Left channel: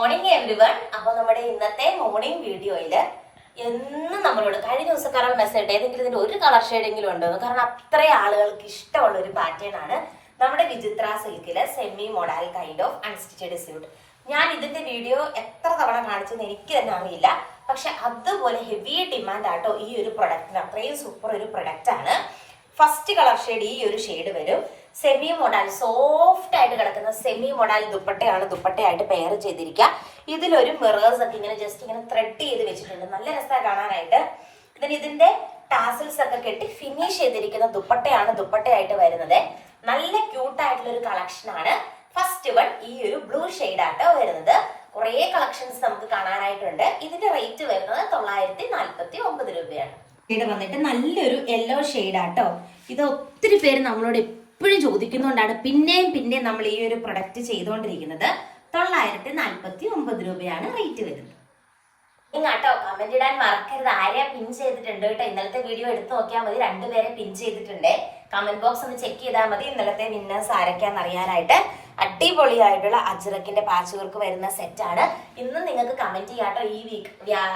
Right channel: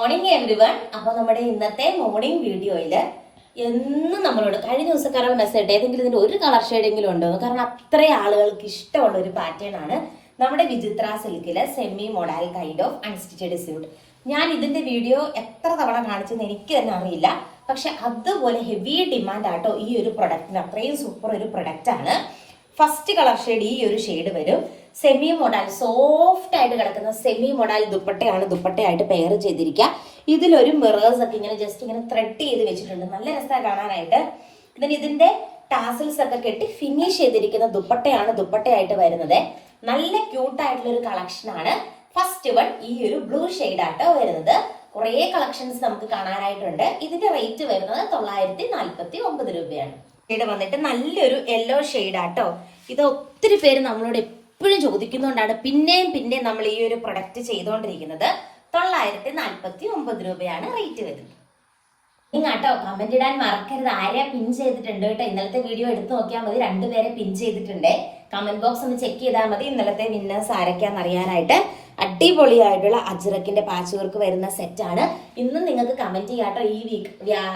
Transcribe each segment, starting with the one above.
Morning everyone. അപ്പൊ നമ്മുടെ ഇന്നത്തെ മോർണിംഗ് വീഡിയോയില് എന്നും നമ്മളോട് കഴിഞ്ഞ ദിവസക്കാരാണ് മെസ്സേജ് ഏതെങ്കിലും ഇതിന്റെ ഒരു കളർ ഷെയ്ഡെങ്കിലും ഉണ്ടോ, കാരണം അത്രയും ആളുകൾക്ക് ഇഷ്ടമുള്ള ഒരു പാറ്റേൺ ആണ് നമ്മുടെ വിചിത്ര സിൽക്കില് semi model kind of unstitched suit. ഞാൻ ഇതിന്റെ വീഡിയോ എത്ര തവണ കാണിച്ചെന്ന് എനിക്ക് തന്നെ അറിയില്ല, പക്ഷെ അതുപോലെ ഹെവി ഡിമാൻഡ് ആട്ടോ ഈ ഒരു പ്രൊഡക്റ്റിന്. അത്രയും സൂപ്പർ ഒരു പ്രൊഡക്റ്റ് ആണ്. ഫസ്റ്റ് കളർ ഷെയ്ഡ് ഈ ഒരു ഷെയ്ഡ് വരും. സെമി മോഡൽ സോഫ്റ്റ് ആയിട്ട് കിടക്കുന്ന സെമി മോഡൽ ദുപ്പട്ടയാണ്. ദുപ്പട്ടയായിട്ട് പെയർ ചെയ്തിരിക്കുക. ഇതിലൊരു മിറേഴ്സ് ഒക്കെ ഇങ്ങനെ ജസ്റ്റ് ഇങ്ങനെ ത്രെഡ് ചെയ്ത് വെച്ചിട്ടുണ്ട്. നല്ല രസമാണ് കാണാനായിട്ട്. ഇതിന്റെ ടാസിൽസ് ഒക്കെ കെട്ടി ഫിനിഷ് ചെയ്തിരിക്കുന്ന ദുപ്പട്ടയാണ് ദുപ്പട്ടയായിട്ട് വരുന്നത്. നല്ല ക്യൂട്ട് ആയിട്ടുള്ള ഒരു കളക്ഷൻ ആണ്. ഫസ്റ്റ് വൺ ഈ ഒരു ബ്ലൂ ഷെയ്ഡ് ആട്ടോ വരുന്നത്. കുറെ കളക്ഷൻസ് നമുക്ക് കാണാനായിട്ടുണ്ട്. ഇതിന്റെ റേറ്റ് വരുന്നത് 949 രൂപയാണ്. ഷെയ്ഡ് വന്നിട്ട് നല്ലൊരു യെല്ലോ ഷെയ്ഡ് ആട്ടോ. ഇത് ഒത്തിരി പേര് നമ്മളോട് എപ്പോഴും ചോദിക്കുന്നോണ്ടാണ് പിന്നെയും നമ്മൾ ഈ ഒരു പ്രൊഡക്റ്റ് ചെയ്തുകൊണ്ടിരിക്കുന്നത്. 949 രൂപയാണ് റേറ്റ് വരുന്നത്. നിങ്ങാട്ടോ കമന്റ് ഇടാൻ മറക്കരുത്. ആരെയാ പിൻ ചെയ്തിട്ടുണ്ട് കേട്ടോ. ഇന്നലത്തെ വീഡിയോ എടുത്തു നോക്കിയാൽ മതി. 2 പേരെ പിൻ ചെയ്തിട്ടുണ്ട്. കമന്റ് ബോക്സ് ഒന്ന് ചെക്ക് ചെയ്താൽ മതി ഇന്നലത്തെ വിന്നേഴ്സ് ആരൊക്കെയാന്ന് അറിയാനായിട്ട്. അടിപൊളിയായിട്ടുള്ള അജ്രക്കിന്റെ പാച്ച് വർക്ക് വരുന്ന സെറ്റ് ആണ്. ഇന്നും നിങ്ങൾക്ക് കമന്റ് ചെയ്യാട്ടോ. ഈ വീക്ക്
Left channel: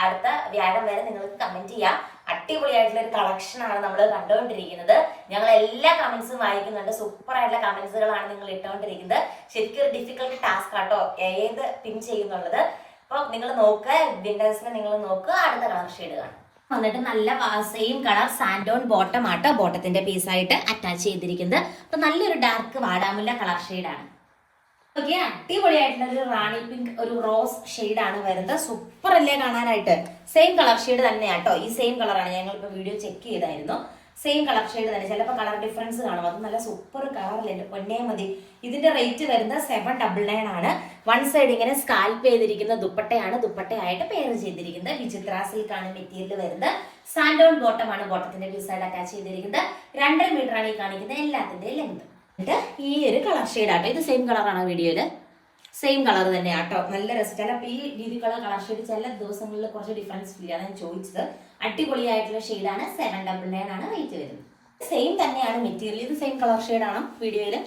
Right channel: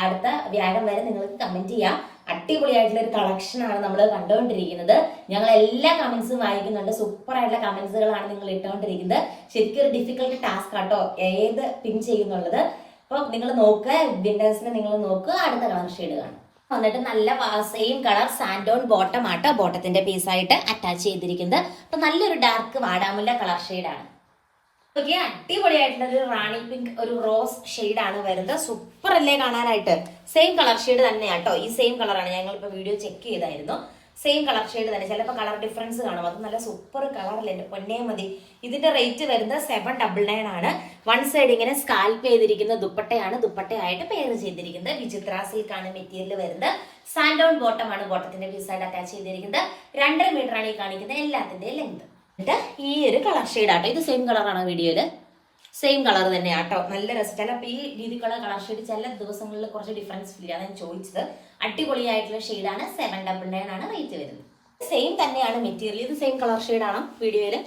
അടുത്ത വ്യാഴം വരെ നിങ്ങൾക്ക് കമന്റ് ചെയ്യാം. അടിപൊളിയായിട്ടുള്ള ഒരു കളക്ഷൻ ആണ് നമ്മൾ കണ്ടുകൊണ്ടിരിക്കുന്നത്. ഞങ്ങൾ എല്ലാ കമന്റ്സും വായിക്കുന്നുണ്ട്. സൂപ്പർ ആയിട്ടുള്ള കമന്റ്സുകളാണ് നിങ്ങൾ ഇട്ടുകൊണ്ടിരിക്കുന്നത്. ശരിക്കും ഒരു ഡിഫിക്കൽട്ട് ടാസ്ക് ആട്ടോ ഏത് പിൻ ചെയ്യുന്നുള്ളത്. അപ്പൊ നിങ്ങൾ നോക്കുക, വിന്നേഴ്സിനെ നിങ്ങൾ നോക്കുക. അടുത്ത കളർ ഷെയ്ഡ് കാണും. വന്നിട്ട് നല്ല സെയിം കളർ സാൻഡോൺ ബോട്ടം ആട്ടോ ബോട്ടത്തിന്റെ പീസായിട്ട് അറ്റാച്ച് ചെയ്തിരിക്കുന്നത്. അപ്പൊ നല്ലൊരു ഡാർക്ക് വാടാമുല്ല കളർ ഷെയ്ഡാണ്. ഓക്കെ, അടിപൊളിയായിട്ടുള്ള ഒരു റാണി പിങ്ക് ഒരു റോസ് ഷെയ്ഡ് ആണ് വരുന്നത്. സൂപ്പർ അല്ലേ കാണാനായിട്ട്. സെയിം കളർ ഷെയ്ഡ് തന്നെയാട്ടോ. ഈ സെയിം കളറാണ്. ഞങ്ങളിപ്പോ വീഡിയോ ചെക്ക് ചെയ്തായിരുന്നു. സെയിം കളർ ഷെയ്ഡ് തന്നെ. ചിലപ്പോൾ കളർ ഡിഫറൻസ് കാണും. അത് നല്ല സൂപ്പർ കളറിലുണ്ട്. പൊന്നേ മതി. ഇതിന്റെ റേറ്റ് വരുന്നത് 799 ആണ്. വൺ സൈഡ് ഇങ്ങനെ സ്കാൽപ്പ് ചെയ്തിരിക്കുന്ന ദുപ്പട്ടയാണ്. ദുപ്പട്ടയായിട്ട് പെയർ ചെയ്തിരിക്കുന്നത്. വിചിത്ര സിൽക്കാണ് മെറ്റീരിയൽ വരുന്നത്. സാൻഡോൺ ബോട്ടം ആണ് ബോട്ടത്തിന്റെ പീസായിട്ട് അറ്റാച്ച് ചെയ്തിരിക്കുന്നത്. 2.5 മീറ്റർ ആണ് ഈ കാണിക്കുന്നത് എല്ലാത്തിന്റെ ലെങ്ത്. ഈ ഒരു കളർ ഷെയ്ഡ് ആട്ടോ. ഇത് സെയിം കളറാണ് വീഡിയോയില്. സെയിം കളർ തന്നെയാട്ടോ. നല്ല രസം. ചിലപ്പോൾ ഈ രീതിക്കുള്ള കളർ ഷെയ്ഡ് ചില ദിവസങ്ങളിൽ കുറച്ച് ഡിഫറൻസ് ഫീൽ ആണ് ഞാൻ ചോദിച്ചത്. അടിപൊളിയായിട്ടുള്ള ഷെയ്ഡാണ്. 799 ആണ് റേറ്റ് വരുന്നത്. സെയിം തന്നെയാണ് മെറ്റീരിയൽ. ഇത് സെയിം കളർ ഷെയ്ഡ് ആണ് വീഡിയോയില്.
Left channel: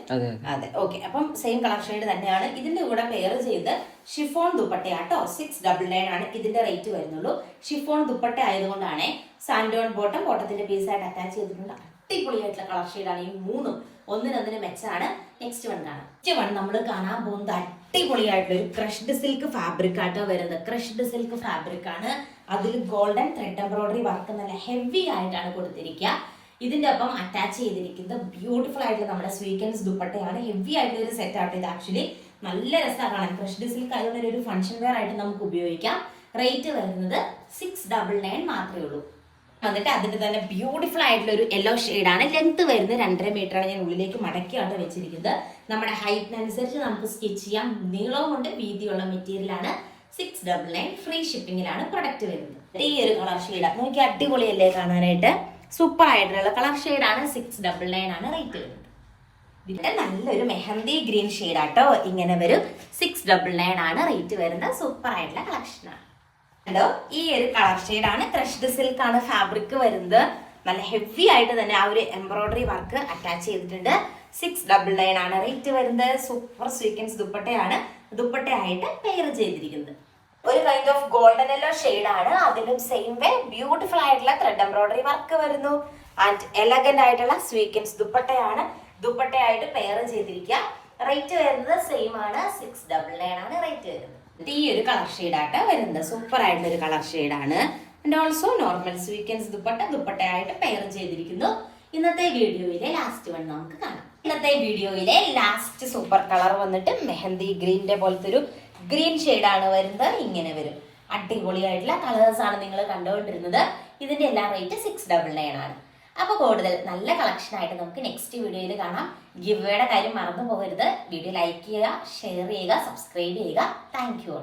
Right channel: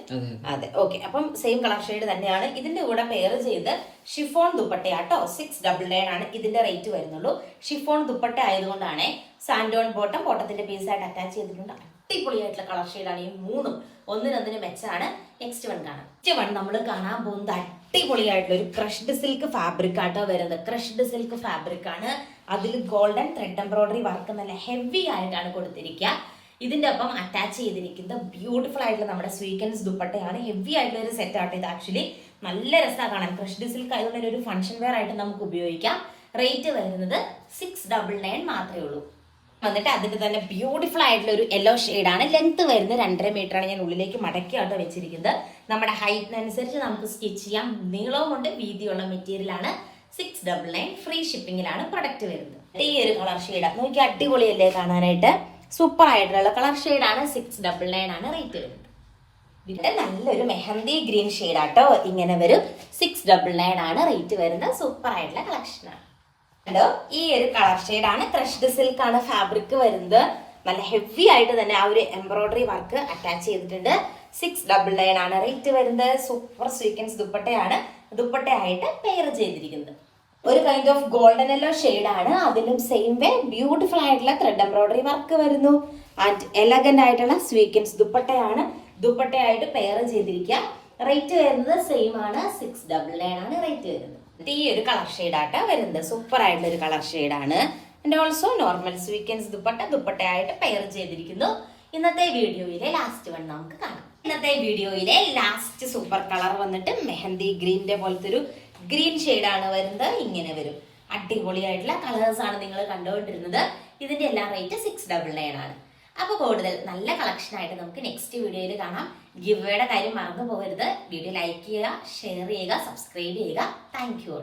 അതെ, ഓക്കെ. അപ്പം സെയിം കളർ ഷെയ്ഡ് തന്നെയാണ്. ഇതിന്റെ കൂടെ പെയർ ചെയ്ത് ഷിഫോൺ ദുപ്പട്ടയാട്ടോ. 699 ആണ് ഇതിന്റെ റേറ്റ് വരുന്നുള്ളൂ. ഷിഫോൺ ദുപ്പട്ട ആയതുകൊണ്ടാണ്. സാൻഡോൺ ബോട്ടം ബോട്ടത്തിന്റെ പീസായിട്ട് അറ്റാച്ച് ചെയ്തിട്ടുണ്ട്. അടിപൊളിയായിട്ടുള്ള കളർ ഷെയ്ഡാണ്. ഈ മൂന്നും ഒന്നിനൊന്നിന് മെച്ചാണ്. നെക്സ്റ്റ് വൺ കാണാം. നെക്സ്റ്റ് വൺ നമ്മൾ കാണാൻ പോകുന്നത് അടിപൊളിയായിട്ടുള്ള ഒരു ക്രഷ്ഡ് സിൽക്ക് ഫാബ്രിക് ആട്ടോ വരുന്നത്. ക്രഷ്ഡ് സിൽക്ക് ഫാബ്രിക് ആണ്. അതിൽ ഗോൾഡൻ ത്രെഡ് എംബ്രോയിഡറി വർക്ക് നല്ല ഹെവി ആയിട്ടാണ് കൊടുത്തിരിക്കുക. ഇതിന്റെ ഒപ്പം അറ്റാച്ച് ചെയ്തിരിക്കുന്നത് ബ്യൂട്ടിഫുൾ ആയിട്ടുള്ള നമ്മുടെ സ്വീക്കൻസ് ദുപ്പട്ടയാണ്. ഹെവി ആയിട്ടുള്ള ഒരു സെറ്റ് ആട്ടോ ഇത്. ആക്ച്വലി നല്ല രസമാണ് കാണാൻ. ക്രഷ്ഡ് സിൽക്ക് ആയതുകൊണ്ട് ഒരു ഫംഗ്ഷൻ വെയർ ആയിട്ട് നമുക്ക് ഉപയോഗിക്കാം. റേറ്റ് വരുന്നത് 699 മാത്രമേ ഉള്ളൂ. എന്നിട്ട് അതിന്റെ തന്നെ ബ്യൂട്ടിഫുൾ ആയിട്ടുള്ള ഒരു യെല്ലോ ഷെയ്ഡാണ്. ലെങ്ത് വരുന്നത് 2.5 മീറ്റർ ആണ്. ഞാൻ ഉള്ളിലേക്ക് മടക്കിയാട്ടോ വെച്ചിരിക്കുന്നത്. നമ്മുടെ ഹൈറ്റിനനുസരിച്ച് നമുക്ക് സ്റ്റിച്ച് ചെയ്യാം. നീളവും കൊണ്ട് വീതിയുള്ള മെറ്റീരിയൽ ആണ്. 699 ഫ്രീ ഷിപ്പിംഗിലാണ് പ്രൊഡക്റ്റ് വരുന്നത്. ഈ ഒരു കളർ ഷെയ്ഡ് നോക്കി അടിപൊളിയല്ലേ കാണാനായിട്ട്. സൂപ്പർ ആയിട്ടുള്ള കളർ ഷെയ്ഡാണ്. 699 ആണ് റേറ്റ് വരുന്നത്. പിന്നെ നല്ലൊരു മെഹന്തി ഗ്രീൻ ഷെയ്ഡ് ആട്ടോ ഇങ്ങനെ വരും. 699 ആണ് റേറ്റ് വരുന്നത്. സൂപ്പർ ആയിട്ടുള്ള കളക്ഷനാണ്. ഹലോ, ഈ ഒരു കളർ ഷെയ്ഡാണ്. ക്രഷ്ഡ് സിൽക്ക് ആണ് ഫാബ്രിക് വരുന്നത്. നല്ല ഹെവി ആയിട്ട് തന്നെ ആ ഒരു എംബ്രോയിഡറി വർക്ക് അറ്റാച്ച് ചെയ്തിട്ടുണ്ട്. 699 ആണ് റേറ്റ് വരുന്നത്. സൂപ്പർ സ്വീക്കൻസ് ദുപ്പട്ടയാണ് ദുപ്പട്ടയായിട്ട് പെയർ ചെയ്തിരിക്കുന്നത്. ഒരു കൈൻഡ് ഓഫ് ഗോൾഡൻ യെല്ലോ ഷെയ്ഡാണ്. അതിലും സെയിം വേ ബ്യൂട്ടിഫുൾ ആയിട്ടുള്ള ത്രെഡ് എംബ്രോയിഡറി വർക്ക് വരുന്നു. ആൻഡ് എലഗന്റ് ആയിട്ടുള്ള സ്വീക്കൻസ് ദുപ്പട്ടയാണ് ദുപ്പട്ടയായിട്ട് പെയർ ചെയ്തിരിക്കുക. റേറ്റ് വരുന്നത് സെയിം ആണ്. 699 ആണ് റേറ്റ് വരുന്നത്. ഈ ഒരു കളർ ഷെയ്ഡായിട്ട് വരുന്നത്. സൂപ്പർ ആയിട്ടുള്ള ഒരു കളർ ഷെയ്ഡാണ്. ആൻഡ് ഓൾസോ നോർമൽ സ്വീക്കൻസ് ദുപ്പട്ടയായിട്ട് പെയർ ചെയ്തിരിക്കുന്നു. ഇന്നത്തെ വീഡിയോയിലെ ലാസ്റ്റ് വൺ നമുക്ക് കാണാം. ഇന്നത്തെ വീഡിയോയിലെ ലാസ്റ്റ് സൂപ്പർ കളർ വന്നിട്ട് മെഹന്തി ഗ്രീനിന്റെ പോലത്തെ ഒരു ഗ്രീൻ ഷെയ്ഡാണ് വരുന്നത്. ഇങ്ങനെ വരും. അടിപൊളിയായിട്ടുള്ള കളേഴ്സ് ആണ് നിങ്ങൾ കണ്ടുകൊണ്ടിരുന്നത്. ഇതിന്റെ എല്ലാം റേറ്റ് 699 ആണ്. അപ്പൊ കൂടുതൽ നല്ല കളക്ഷൻ ആയിട്ട് നമുക്ക് നെക്സ്റ്റ് വീഡിയോയിൽ കാണാം. ഗിവ് വേയുടെ കാര്യം മറന്നു പോകരുത്. വീഡിയോ ലൈക്ക് ചെയ്യുക, ഷെയർ ചെയ്യുക, സബ്സ്ക്രൈബ് ചെയ്യുക. Thank you.